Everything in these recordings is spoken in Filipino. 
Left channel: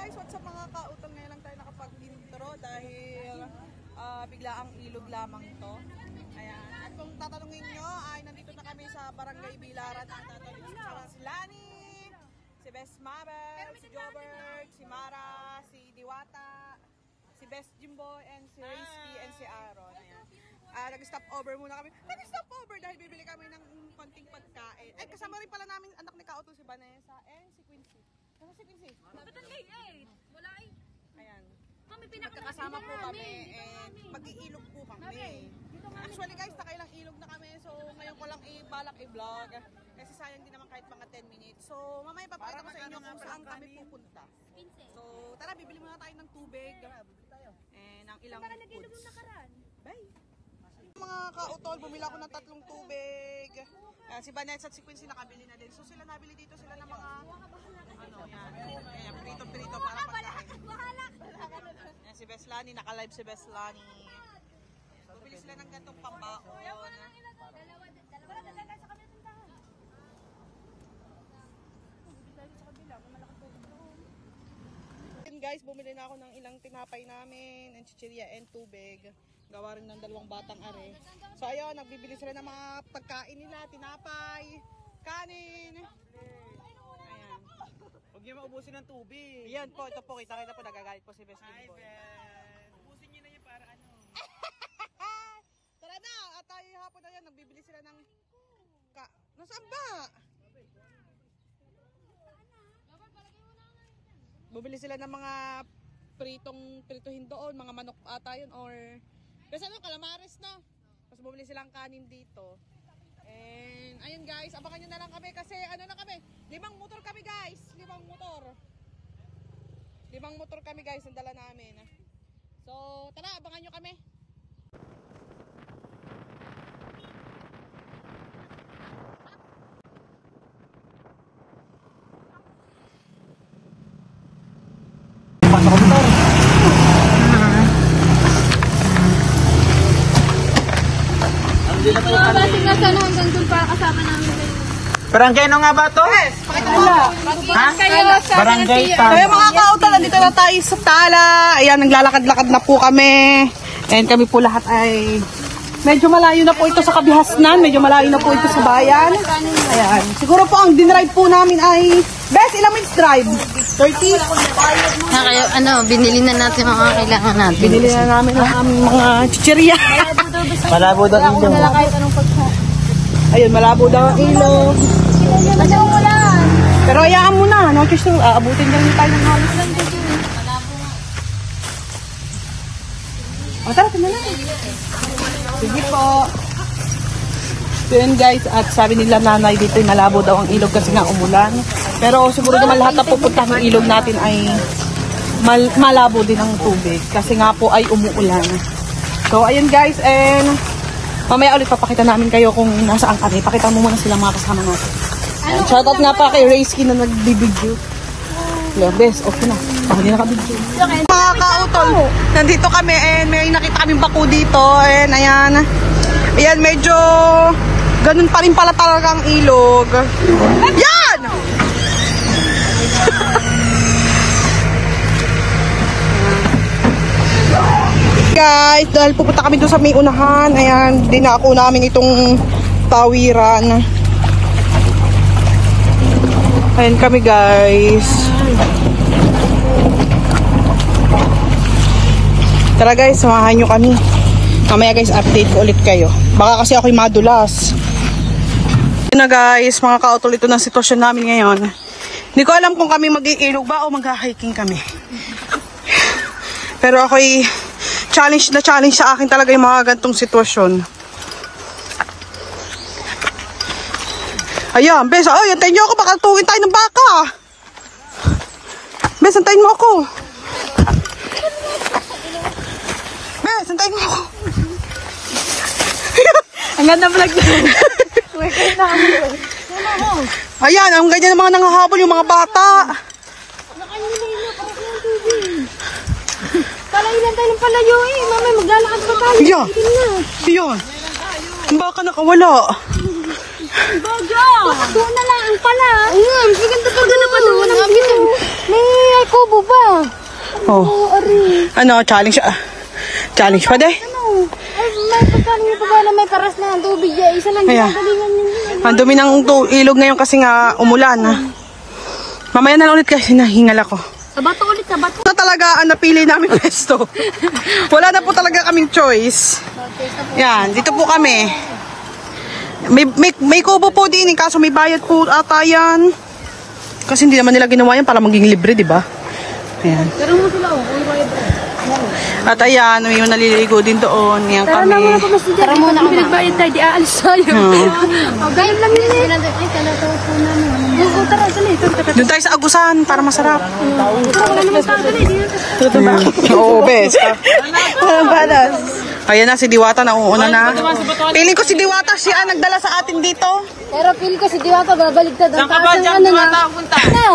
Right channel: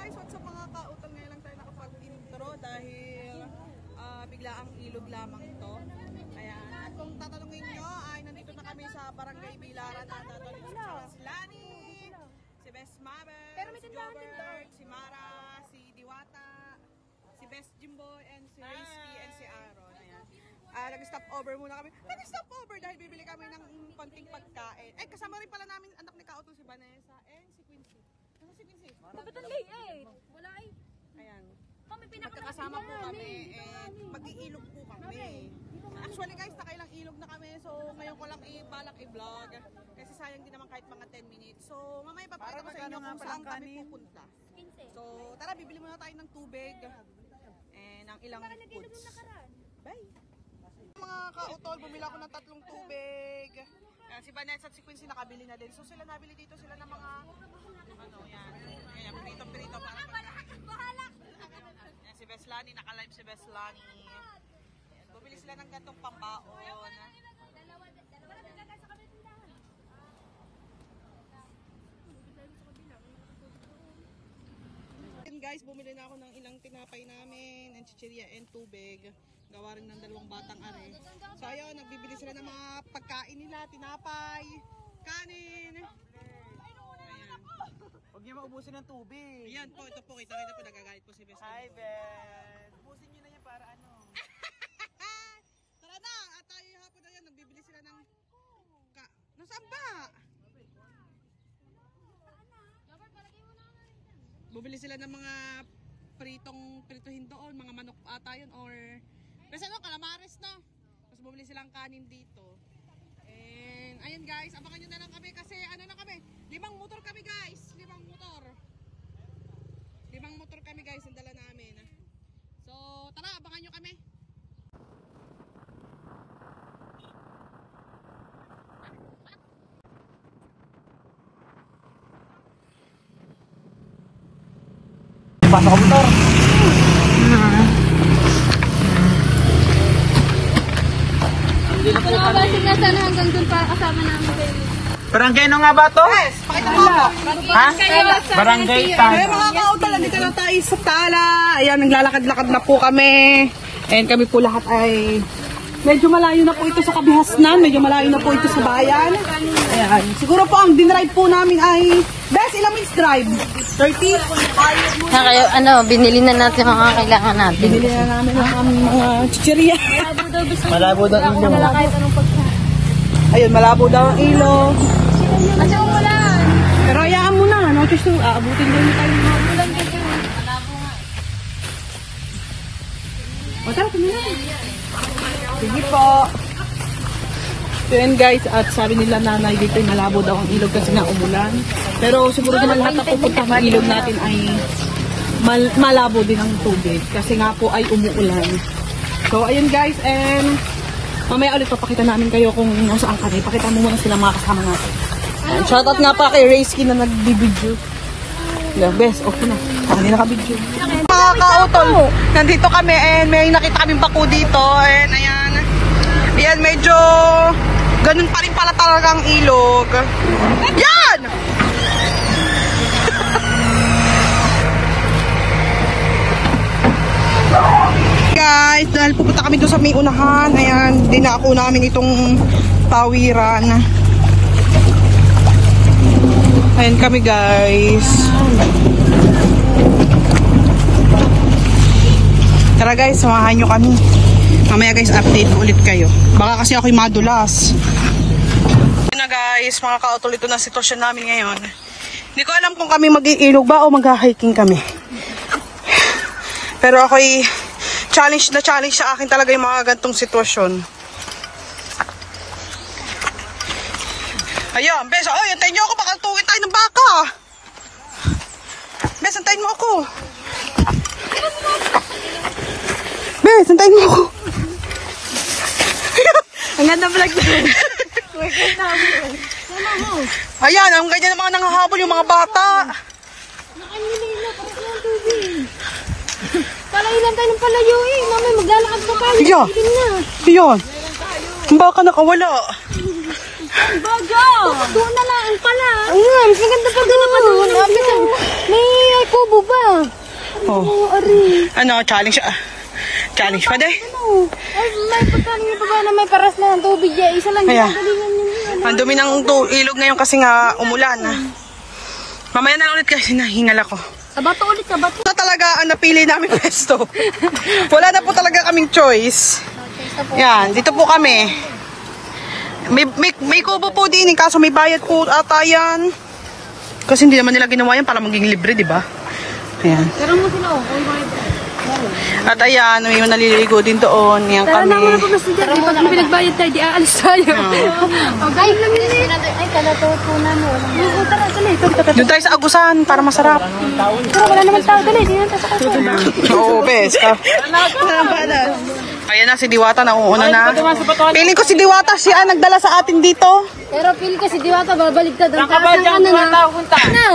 guys, what's up mga kautol? Ngayon lang tayo nakapag-intro dahil bigla ang ilog lamang to. Ayan. At kung tatanungin nyo, ay nandito na kami sa Barangay Bilaran at nandito si Lani, si Best Mabel, si Jobert, si Mara, si Diwata, si Best Jimboy, and si Risky, and si Aaron. Ayan. Nag-stop over muna kami. Nag-stop over dahil bibili kami ng konting pagkain. Eh, kasama rin pala namin anak ni Kautol, si Vanessa, and si Quincy. Ano si Quincy? Bakit ang late eh? Wala eh. Ayan. Magkakasama po kami and mag-iilog po kami. Actually guys, nakailang ilog na kami. So ngayon ko lang balak i-vlog. Kasi sayang din naman kahit mga 10 minutes. So mamaya papakita ko sa inyo kung saan kami pupunta. So tara, bibili muna tayo ng tubig and ng ilang foods. Bye! Mga kautol, bumili ako ng 3 tubig. Si Vanessa at si Quincy nakabili na din. So sila nabili dito sila ng mga ano yan. Ayan, prito-prito para pagkain. Ayan, si Best Lani, naka-live si Best Lani. Bumili sila ng gantong pambaon. Guys, bumili na ako ng ilang tinapay namin, and chichirya and tubig. Gawa rin ng 2 batang are. So ayun, nagbibili sila ng mga pagkain nila, tinapay, kanin. Ayan. Huwag niyo maubusin ng tubig. Ayan po, ito po, kita po, nagagalit po si Best. Hi, Best. Ubusin niyo na yan para ano. Tara na, at tayo hapon na yan, nagbibili sila ng nasaan ba? Bumili sila ng mga prituhin doon, mga manok ata yun, or kasi ano, calamares no. Tapos bumili silang kanin dito. And ayun guys, abangan nyo na lang kami kasi ano na kami, 5 motor kami guys, 5 motor. 5 motor kami guys, ang dala namin. So tara, abangan nyo kami. Pasok ko na. Ano ba sige sana hanggang doon para kasama namin kayo? Barangay ano nga ba to? Yes, Tala. Ha? Barangay Tala. Kaya mga kautol, nandito na tayo sa Tala. Ayan, naglalakad-lakad na po kami. And kami po lahat ay medyo malayo na po ito sa Kabihasnan. Medyo malayo na po ito sa bayan. Ayan, siguro po ang dinrive po namin ay Best, ilang minutes drive? 30? Kayo, ano, binili na natin mga kailangan natin. Binili na namin ang aming mga chichirya. Malabo daw ang ilog. Ayun, malabo daw ang ilog. Pero hayaan mo na, no? Just aabutin daw niyo tayo ng hapon. O, tara, tumala na. Sige po. So yun guys, at sabi nila nanay dito malabo daw ang ilog kasi nga umulan. Pero siguro naman lahat na pupunta ng ilog natin ay malabo din ang tubig kasi nga po ay umuulan. So ayun guys, and mamaya ulit papakita namin kayo kung nasaan kami. Pakita mo muna sila mga kasama natin. And shoutout nga pa kay Risky na nagbibidyo. Best, okay na. Kami na nakabidyo. Mga kautol, nandito kami and may nakita kaming bako dito. And ayan, ayan medyo ganun pa rin pala talagang ilog. Yan! Guys, dahil pupunta kami doon sa may unahan, ayan, dinako namin itong tawiran. Ayan kami guys. Tara guys, samahan nyo kami. Mamaya guys, update ko ulit kayo. Baka kasi ako'y madulas. Ito na guys, mga kautol, ito na sitwasyon namin ngayon. Hindi ko alam kung kami mag-iilog ba o mag-hiking kami. Pero ako'y challenge sa akin talaga yung mga gantong sitwasyon. Ayan, Bes, oh, antayin nyo ako, baka tuwin tayo ng baka. Bes, antayin mo ako. Bes, antayin mo ako. Ang ganda vlog niya. Ayan, ang ganyan ng mga nangahabol yung mga bata. Palayo tayo ng palayo eh. Mamay, maglalakad pa tayo. Iya. Iya. Ang baka nakawala. Baga! Doon na lang pala. Ang ganda pa doon ang view. May kubo ba? Oh. Ano, challenge? Challenge pa de? May paras na ng tubig eh. Isa lang Kaya, galingan ninyo. ang dumi ng ilog ngayon kasi nga umulan. Mamaya na lang ulit kasi nahingal ako. Sabato ulit, sabato. Na talaga ang napili namin pwesto. Wala na po talaga kaming choice. Yan, dito po kami. May kubo po din, kaso may bayad po ata yan. Kasi hindi naman nila ginawa yan para maging libre, di ba? Ayan. Pero mo sila, oh. All bayad. At ayan, may naliligo din doon. Yan kami. Pero mo na pinagbayad tayo, di aalis tayo. O, galing lang yun eh. Talato po namin. Doon tayo sa Agusan para masarap. Pero wala naman tayo ganun. Oo, bes. Ayan na, si Diwata nauuna na. Piling ko si Diwata siya ang nagdala sa atin dito. Pero feel ko si Diwata babaligtad ang taas ng ano na. Ano?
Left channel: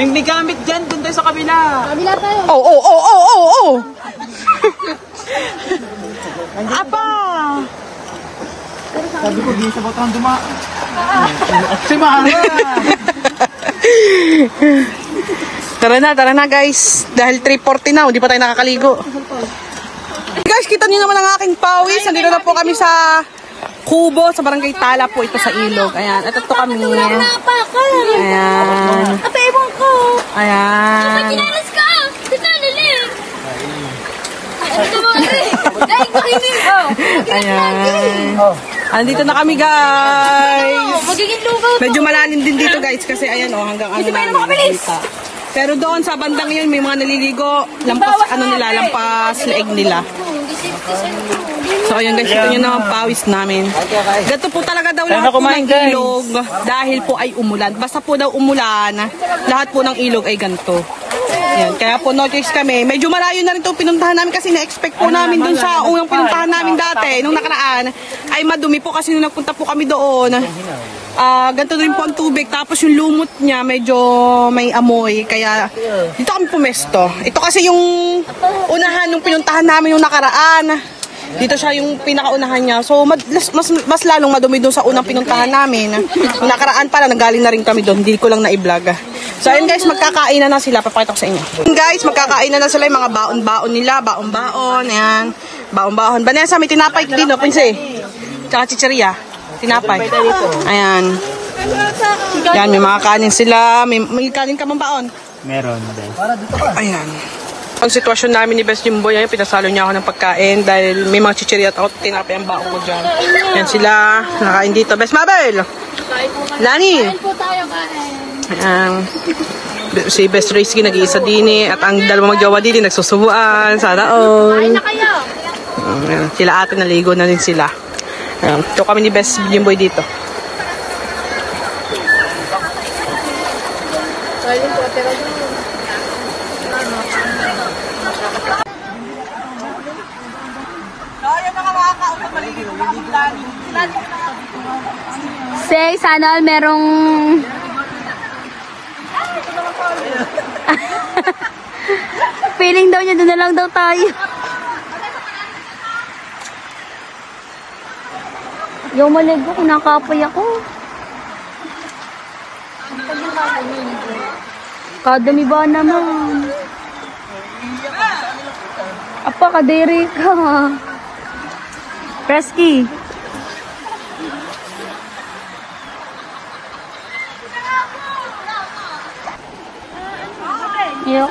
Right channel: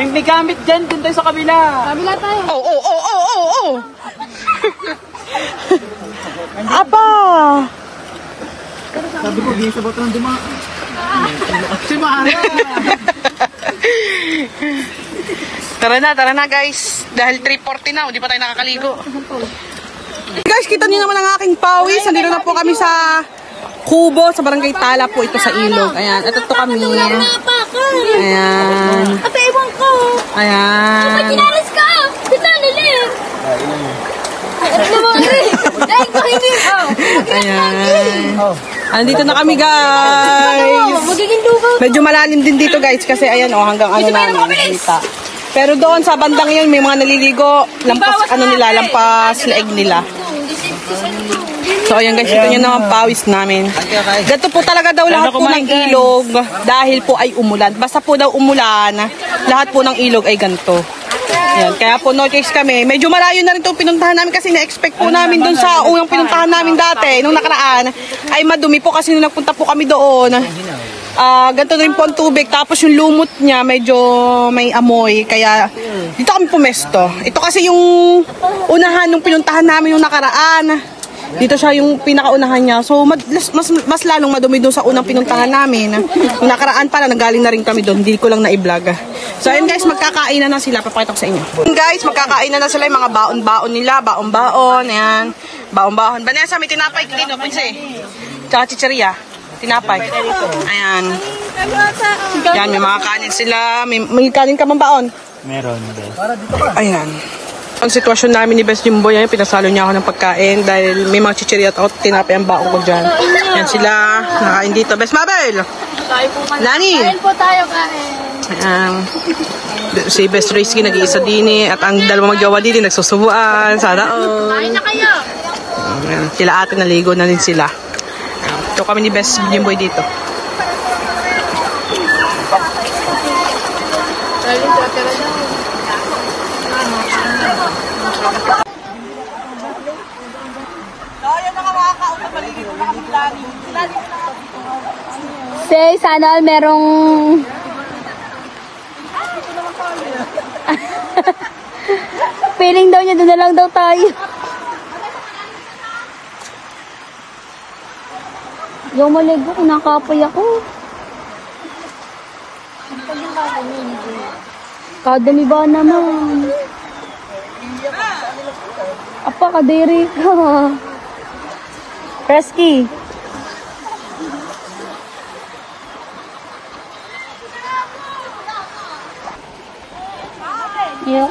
May gamit dyan, dun tayo sa kabila. Kabila tayo. Oh. Apa? Sabi ko, di sa botang duma. Si Mama. Tara na guys. Dahil 3:40 na, hindi pa tayo nakakaligo. Guys, kita niyo naman ang aking pawis. Nandito na po kami sa kubo, sa barangay Tala po ito sa ilog. Ayan, ito kami. Ayan. Kapibong ko. Ayan. Pinalis ka. Kita nili. Ano naman eh. Dahil ko hindi. Ayan. Andito na kami guys. Magiging dugaw. Medyo malalim din dito guys kasi ayan hanggang ano na nakita. Pero doon sa bandang yun may mga naliligo, lampas leeg nila. So ayan guys, ito nyo naman pawis namin. Ganito po talaga daw lahat po ng ilog dahil po ay umulan. Basta po daw umulan, lahat po ng ilog ay ganito. Ayan, kaya po no choice kami. Medyo malayo na rin itong pinuntahan namin kasi na-expect po namin doon sa unang pinuntahan namin dati, nung nakaraan, ay madumi po kasi nung nagpunta po kami doon. Ganito rin po ang tubig. Tapos yung lumot niya medyo may amoy. Kaya dito kami pumesto. Ito kasi yung unahan nung pinuntahan namin yung nakaraan. Dito siya yung pinakaunahan niya. So mas lalong madumi doon sa unang pinuntahan namin. Yung nakaraan pala, nanggaling na rin kami doon. Hindi ko lang na-vlog. So ayun guys, magkakain na sila. Papakita ko sa inyo. Guys, magkakain na sila yung mga baon-baon nila. Baon-baon. Ayan. Baon-baon. Vanessa, may tinapay kilo. Pinsi. Tsaka chicheria. Tinapay. Ayan. Yan, may mga kanin sila. May kanin ka bang baon? Meron, guys. Ayan. Ang sitwasyon namin ni Best Jimboy, yan, pinasalo niya ako ng pagkain dahil may mga chicheria at ako tinapay ang baon ko dyan. Yan sila, nakain dito. Best Mabel! Lani! Kain po tayo, kain. Ayan. Si Best Rizky nag-iisa din at ang dalawang magjawa din nagsusubuan. Sana all. Ayan. Sila ate naligo na rin sila. Ayan. Ito kami ni Best Jimboy dito. Say, sana merong... Feeling daw niya, doon na lang daw tayo. Yung maligo, kinakapoy ako. Kadami ba naman? Apa, kadiri ka. Pesky! You.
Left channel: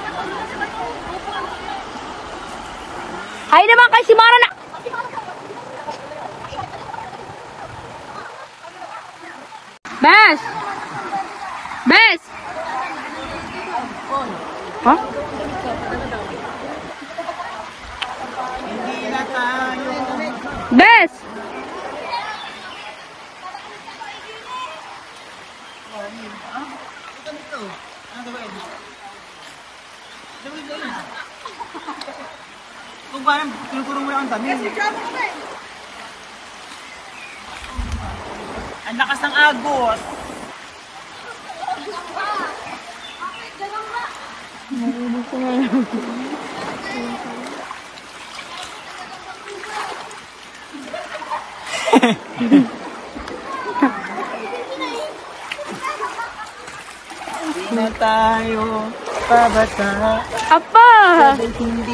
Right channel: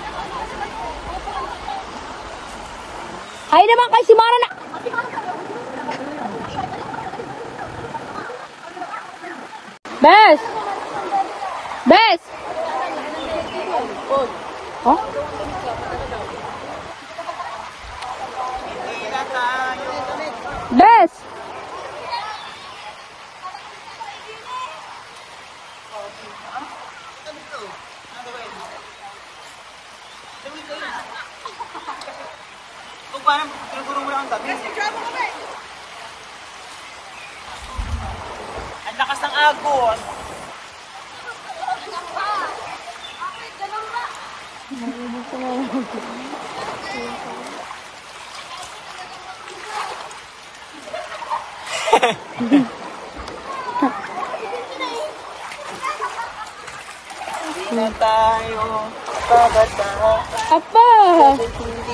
Ay naman kay si Mara na. Bes. Bes. Ha? Bes. Kung parang kinukurong mo lang ang dami. Ang lakas ng agos. Na tayo. Napabata. Apa? Hindi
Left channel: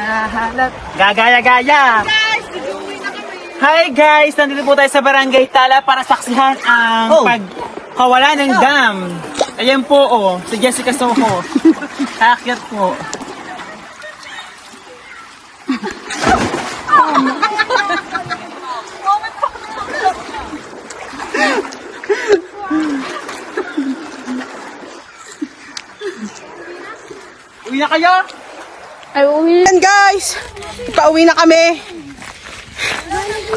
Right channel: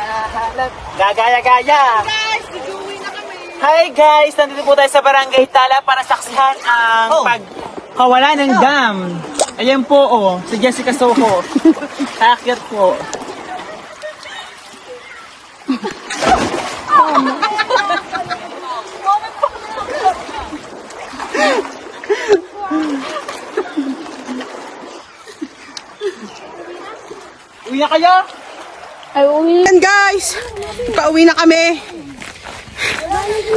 nahahalap. Gagaya-gaya. Hi guys! Nandito po tayo sa Barangay Tala para saksihan ang pagkawala ng dam. Ayan po si Jessica Soho. Aakyat po. Uwi na kaya? Ay, uwi. Ayan guys, pauwi na kami.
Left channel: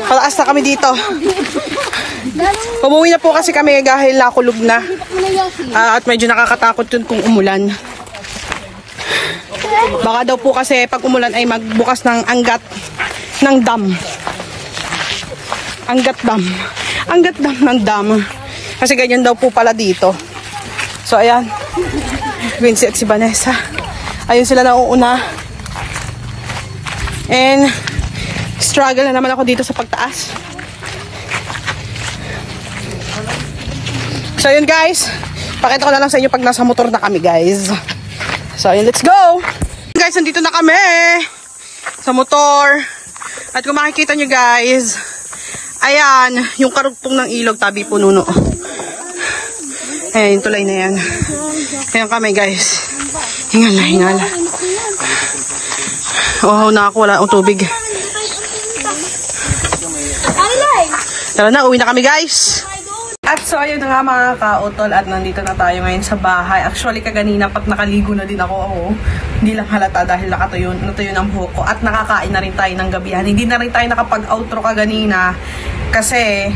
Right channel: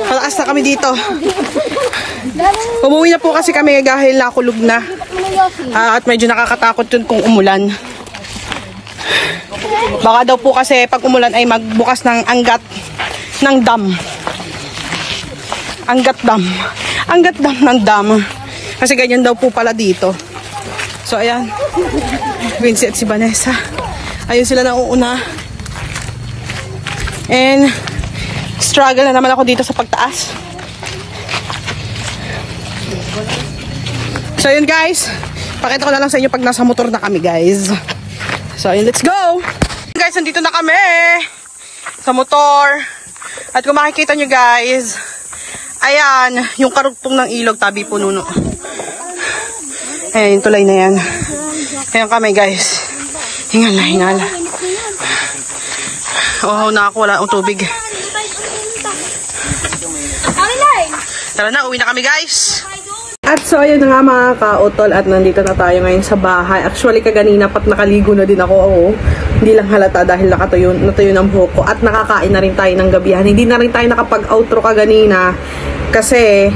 Palakas na kami dito. Umuwi na po kasi kami dahil nakulog na. At medyo nakakatakot yun kung umulan. Baka daw po kasi pag umulan ay magbukas ng anggat ng dam. Anggat dam. Anggat dam ng dam. Kasi ganyan daw po pala dito. So ayan. Vinci at si Vanessa. Ayun sila na uuna. And struggle na naman ako dito sa pagtaas. So yun guys, pakita ko na lang sa inyo pag nasa motor na kami guys. So yun, let's go! Guys, nandito na kami sa motor. At kung makikita nyo guys, ayan, yung karugtong ng ilog, tabi po nuno. Ayan, yung tulay na yan. Ayan kami guys. Hingala, hingala. Oh, nakakuha ang tubig. Tara na, uwi na kami guys. At so ayun na nga mga kautol at nandito na tayo ngayon sa bahay. Actually kaganina pat nakaligo na din ako. Hindi lang halata dahil natuyo ng buhok ko. At nakakain na rin tayo ng gabihan. Hindi na rin tayo nakapag-outro kaganina. Kasi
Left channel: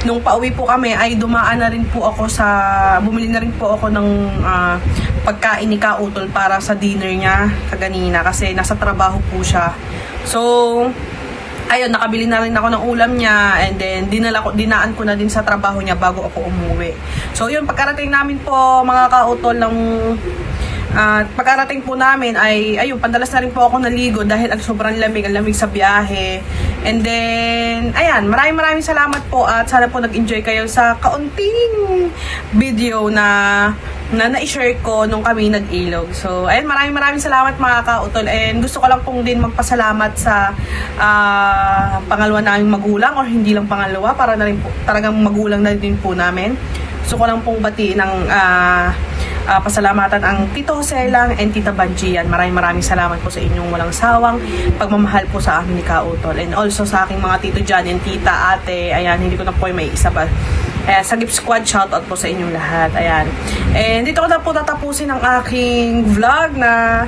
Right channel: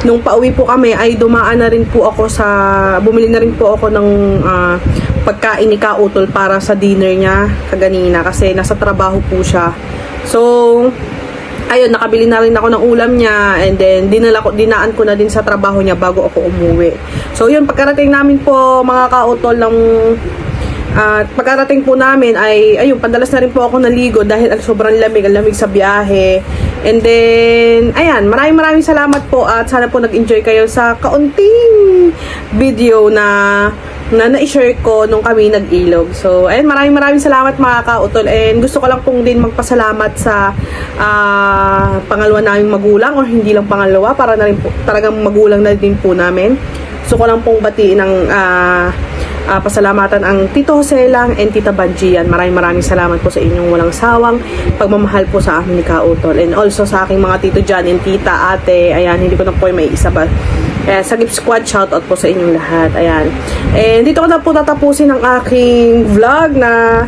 nung pauwi po kami ay dumaan na rin po ako bumili na rin po ako ng pagkain ni Kautol para sa dinner niya kaganina. Kasi nasa trabaho po siya. So ayun, nakabili na rin ako ng ulam niya and then dinaan ko na din sa trabaho niya bago ako umuwi. So yun, pagkarating namin po mga kautol ng pagkarating po namin ay ayun, padalas na rin po ako naligo dahil sobrang lamig sa biyahe. And then ayan, maraming salamat po at sana po nag-enjoy kayo sa kaunting video na na-share ko nung kami nag-ilog. So, ayun, maraming salamat mga kautol. And gusto ko lang pong din magpasalamat sa pangalawa naming magulang or hindi lang pangalawa, para na rin po, talagang magulang na din po namin. Gusto ko lang pong batiin ng pasalamatan ang Tito Jose lang and Tita Banjian. Maraming salamat po sa inyong walang sawang pagmamahal po sa amin ni Kautol. And also sa aking mga Tito Jan and Tita, Ate, ayan, hindi ko na po may isa ba. Sa Gift Squad, shoutout po sa inyong lahat. Ayan. And dito ko na po tatapusin ang aking vlog na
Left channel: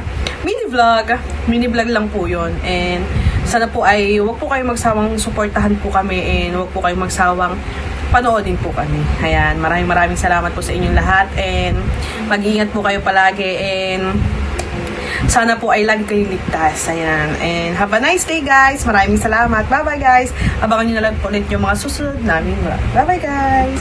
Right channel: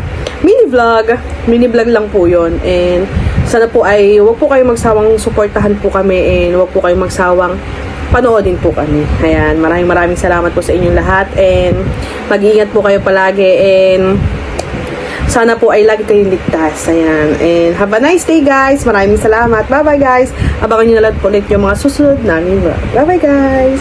mini vlog lang po yun. And sana po ay huwag po kayong magsawang suportahan po kami and huwag po kayong magsawang panoodin po kami. Ayan. Maraming salamat po sa inyong lahat and mag-iingat po kayo palagi and sana po ay lagi kayong ligtas. Ayan. And have a nice day guys. Maraming salamat. Bye bye guys. Abangan nyo na lang po ulit yung mga susunod namin vlog. Bye bye guys.